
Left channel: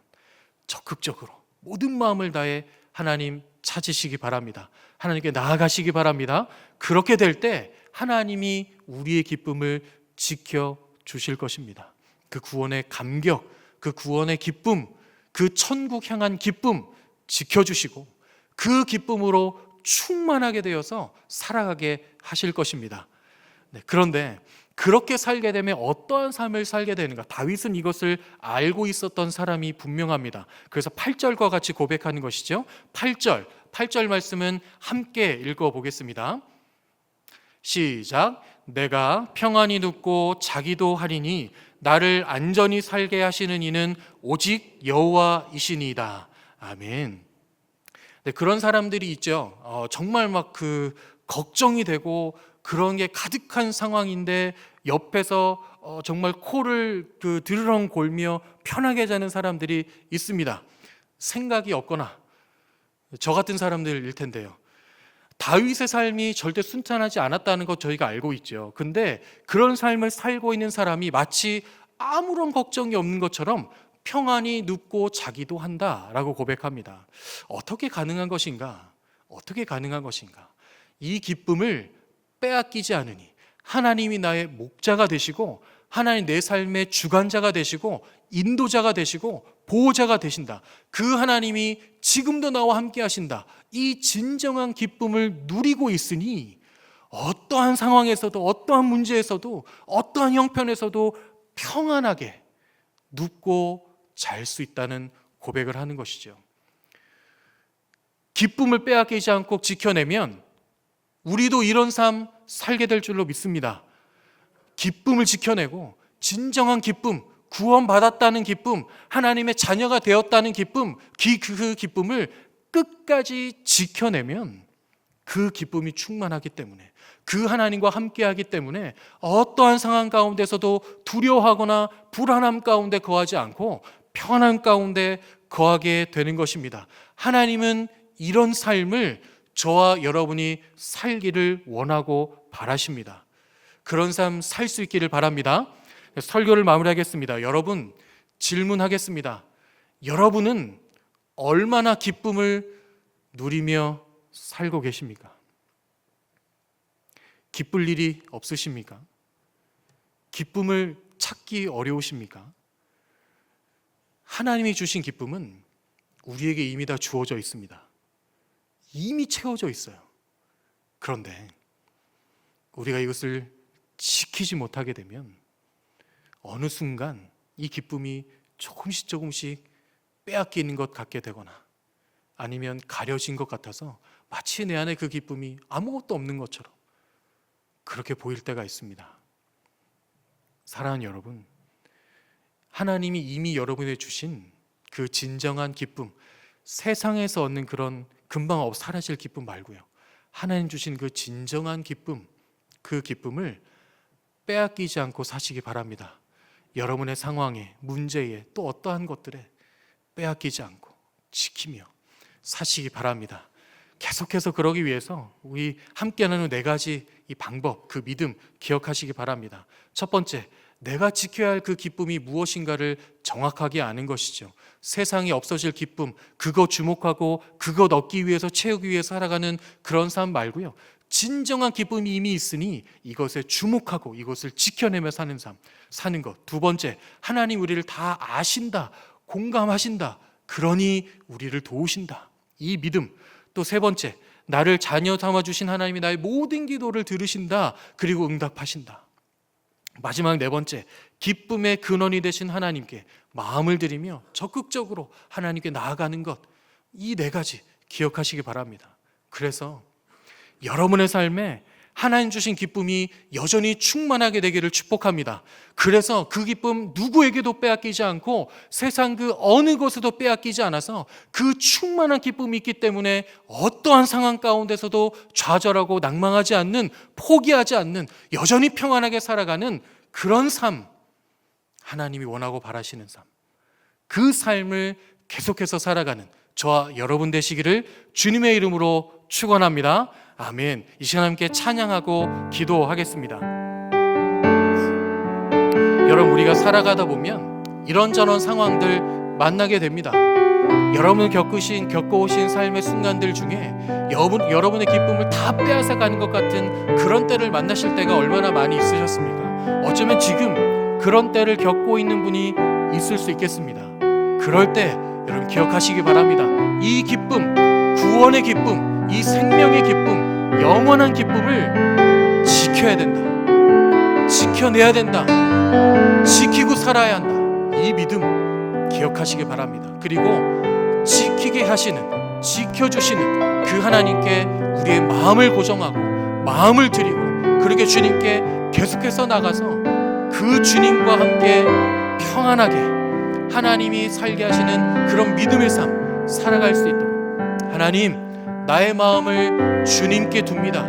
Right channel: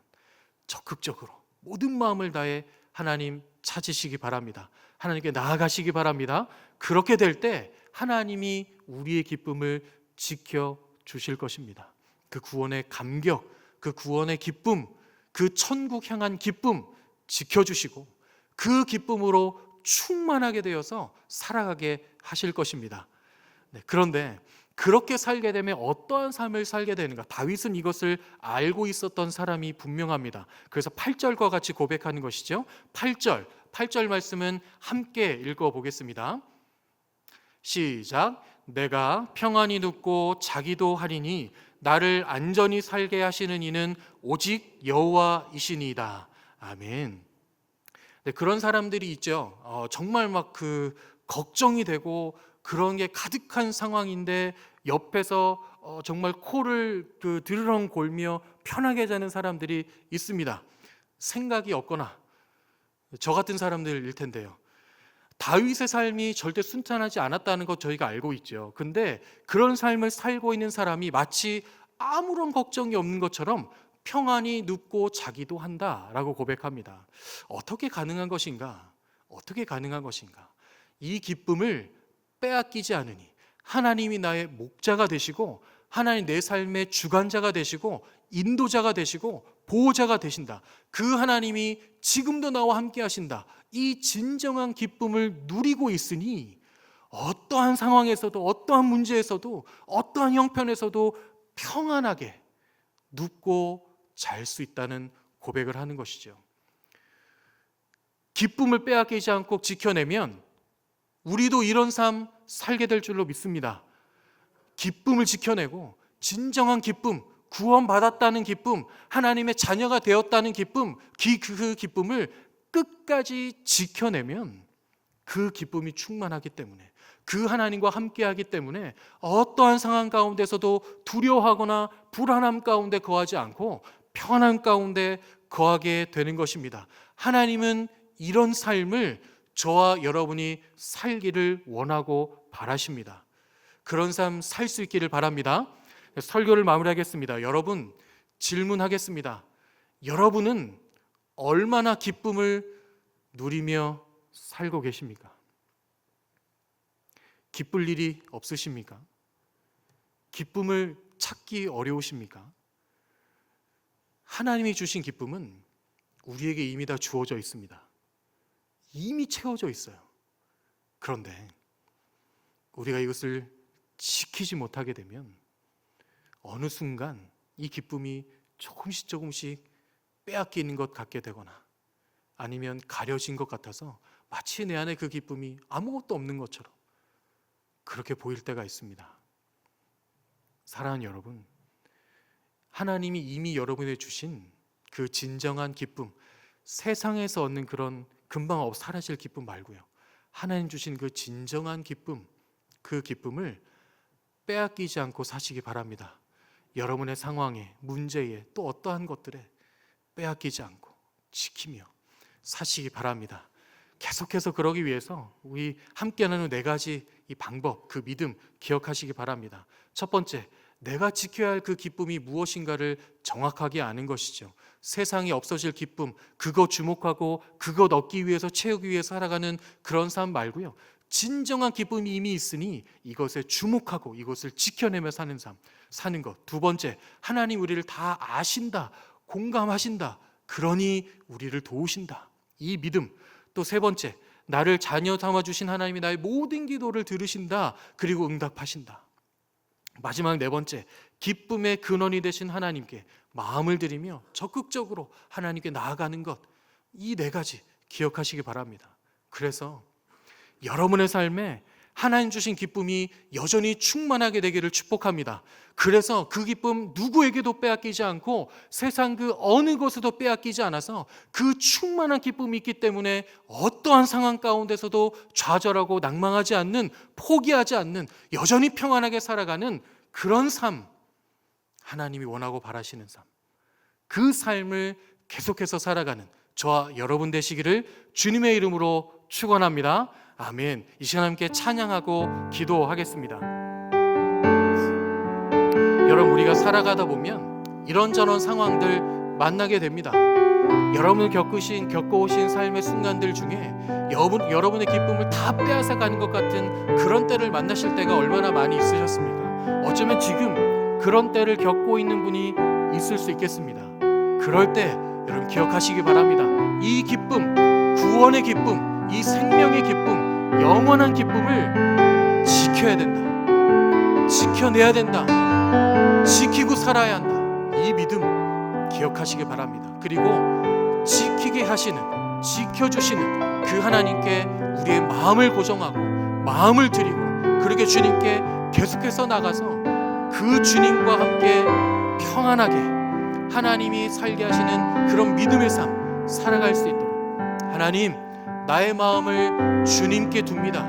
적극적으로 모든 마음을 다해 하나님 찾으시기 바랍니다. 하나님께 나아가시기 바랍니다. 그렇게 될 때 하나님이 우리의 기쁨을 지켜주실 것입니다. 그 구원의 감격, 그 구원의 기쁨, 그 천국 향한 기쁨 지켜주시고 그 기쁨으로 충만하게 되어서 살아가게 하실 것입니다. 그런데 그렇게 살게 되면 어떠한 삶을 살게 되는가? 다윗은 이것을 알고 있었던 사람이 분명합니다. 그래서 8절과 같이 고백하는 것이죠. 8절 말씀은 함께 읽어보겠습니다. 시작. 내가 평안히 눕고 자기도 하리니 나를 안전히 살게 하시는 이는 오직 여호와이시니이다. 아멘. 네, 그런 사람들이 있죠. 정말 막 그 걱정이 되고 그런 게 가득한 상황인데 옆에서 정말 코를 드르렁 골며 편하게 자는 사람들이 있습니다. 생각이 없거나 저 같은 사람들일 텐데요. 다윗의 삶이 절대 순탄하지 않았다는 것 저희가 알고 있죠. 근데 그런 삶을 살고 있는 사람이 마치 아무런 걱정이 없는 것처럼 평안히 눕고 자기도 한다라고 고백합니다. 어떻게 가능한 것인가? 어떻게 가능한 것인가? 이 기쁨을 빼앗기지 않으니 하나님이 나의 목자가 되시고 하나님 내 삶의 주관자가 되시고 인도자가 되시고 보호자가 되신다. 그 하나님이 지금도 나와 함께 하신다. 이 진정한 기쁨을 누리고 있으니 어떠한 상황에서도 어떠한 문제에서도 어떠한 형편에서도 평안하게 눕고 잘 수 있다는 고백을 하는 것이죠. 기쁨을 빼앗기지 않고 지켜내면 우리도 이런 삶 살게 될 줄로 믿습니다. 기쁨을 지켜내고 진정한 기쁨, 구원받았다는 기쁨, 하나님의 자녀가 되었다는 기쁨, 그 기쁨을 끝까지 지켜내면 그 기쁨이 충만하기 때문에, 그 하나님과 함께하기 때문에 어떠한 상황 가운데서도 두려워하거나 불안함 가운데 거하지 않고 편안 가운데 거하게 되는 것입니다. 하나님은 이런 삶을 저와 여러분이 살기를 원하고 바라십니다. 그런 삶 살 수 있기를 바랍니다. 설교를 마무리하겠습니다. 여러분, 질문하겠습니다. 여러분은 얼마나 기쁨을 누리며 살고 계십니까? 기쁠 일이 없으십니까? 기쁨을 찾기 어려우십니까? 하나님이 주신 기쁨은 우리에게 이미 다 주어져 있습니다. 이미 채워져 있어요. 그런데 우리가 이것을 지키지 못하게 되면 어느 순간 이 기쁨이 조금씩 빼앗기는 것 같게 되거나 아니면 가려진 것 같아서 마치 내 안에 그 기쁨이 아무것도 없는 것처럼 그렇게 보일 때가 있습니다. 사랑하는 여러분, 하나님이 이미 여러분에게 주신 그 진정한 기쁨, 세상에서 얻는 그런 금방 사라질 기쁨 말고요, 하나님 주신 그 진정한 기쁨, 그 기쁨을 빼앗기지 않고 사시기 바랍니다. 여러분의 상황에, 문제에, 또 어떠한 것들에 빼앗기지 않고 지키며 사시기 바랍니다. 계속해서 그러기 위해서 우리 함께 나누는 4가지 이 방법, 그 믿음 기억하시기 바랍니다. 첫 번째, 내가 지켜야 할 그 기쁨이 무엇인가를 정확하게 아는 것이죠. 세상에 없어질 기쁨, 그거 주목하고 그거 얻기 위해서, 채우기 위해서 살아가는 그런 삶 말고요, 진정한 기쁨이 이미 있으니 이것에 주목하고 이것을 지켜내며 사는 삶, 사는 것. 두 번째, 하나님 우리를 다 아신다, 공감하신다, 그러니 우리를 도우신다, 이 믿음. 또 세 번째, 나를 자녀 삼아주신 하나님이 나의 모든 기도를 들으신다, 그리고 응답하신다. 마지막 4번째, 기쁨의 근원이 되신 하나님께 마음을 들이며 적극적으로 하나님께 나아가는 것. 이 4가지 기억하시기 바랍니다. 그래서 여러분의 삶에 하나님 주신 기쁨이 여전히 충만하게 되기를 축복합니다. 그래서 그 기쁨 누구에게도 빼앗기지 않고 세상 그 어느 것에도 빼앗기지 않아서 그 충만한 기쁨이 있기 때문에 어떠한 상황 가운데서도 좌절하고 낭망하지 않는, 포기하지 않는, 여전히 평안하게 살아가는 그런 삶, 하나님이 원하고 바라시는 삶, 그 삶을 계속해서 살아가는 저와 여러분 되시기를 주님의 이름으로 축원합니다. 아멘. 이 시간 함께 찬양하고 기도하겠습니다. 여러분, 우리가 살아가다 보면 이런저런 상황들 만나게 됩니다. 여러분 겪어오신 삶의 순간들 중에 여러분의 기쁨을 다 빼앗아가는 것 같은 그런 때를 만나실 때가 얼마나 많이 있으셨습니까? 어쩌면 지금 그런 때를 겪고 있는 분이 있을 수 있겠습니다. 그럴 때 여러분 기억하시기 바랍니다. 이 기쁨, 구원의 기쁨, 이 생명의 기쁨, 영원한 기쁨을 지켜야 된다, 지켜내야 된다, 지키고 살아야 한다. 이 믿음 기억하시기 바랍니다. 그리고 지키게 하시는, 지켜주시는 그 하나님께 우리의 마음을 고정하고 마음을 드리고 그렇게 주님께 계속해서 나가서 그 주님과 함께 평안하게 하나님이 살게 하시는 그런 믿음의 삶 살아갈 수 있도록, 하나님, 나의 마음을 주님께 둡니다,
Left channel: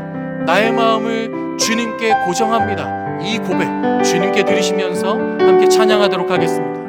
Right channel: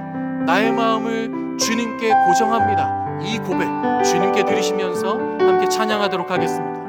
나의 마음을 주님께 고정합니다, 이 고백 주님께 드리시면서 함께 찬양하도록 하겠습니다.